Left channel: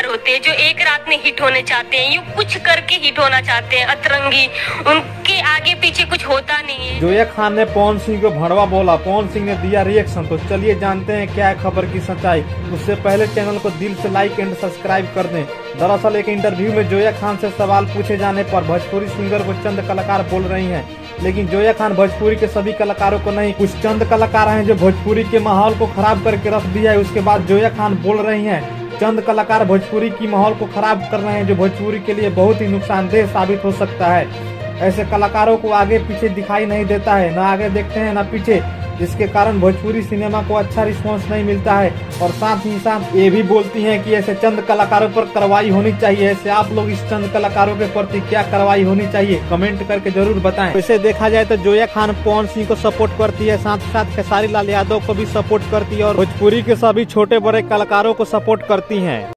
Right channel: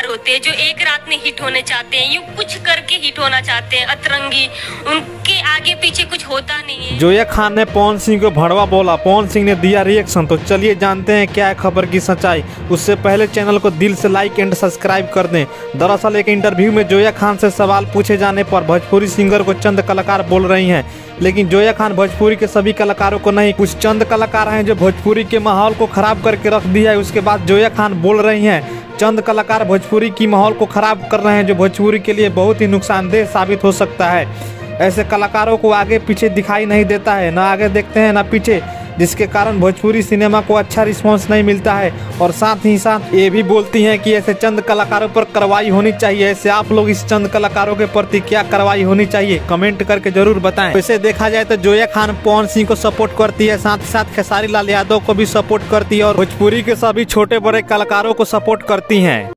कलाकार होते हैं जो एक रात में हिट होने चाहते हैं, यूँ कुछ करके हिट होना चाहते हैं, अतरंगी, उनके आगे पीछे कुछ होता नहीं है। जोया खान ने पवन सिंह को भड़वा बोला, पवन सिंह ने दिया रिएक्शन। तो चलिए जानते हैं क्या है खबर की सच्चाई। उससे पहले चैनल को दिल से लाइक एंड सब्सक्राइब कर दें। दरअसल एक इंटरव्यू में जोया खान से सवाल पूछे जाने पर भोजपुरी सिंगर को चंद कलाकार बोल रही हैं, लेकिन जोया खान भोजपुरी के सभी कलाकारों को नहीं, कुछ चंद कलाकार हैं जो भोजपुरी के माहौल को खराब करके रख दिया है। उसके बाद जोया खान बोल रही हैं, चंद कलाकार भोजपुरी की माहौल को खराब कर रहे हैं जो भोजपुरी के लिए बहुत ही नुकसानदेह साबित हो सकता है। ऐसे कलाकारों को आगे पीछे दिखाई नहीं देता है, ना आगे देखते हैं ना पीछे, जिसके कारण भोजपुरी सिनेमा को अच्छा रिस्पांस नहीं मिलता है। और साथ ही साथ ये भी बोलती हैं कि ऐसे चंद कलाकारों पर कार्रवाई होनी चाहिए। ऐसे आप लोग इस चंद कलाकारों के प्रति क्या कार्रवाई होनी चाहिए कमेंट करके जरूर बताएं। वैसे देखा जाए तो जोया खान पवन सिंह को सपोर्ट करती है, साथ ही साथ खेसारी लाल यादव को भी सपोर्ट करती है और भोजपुरी के सभी छोटे बड़े कलाकारों को सपोर्ट करती है।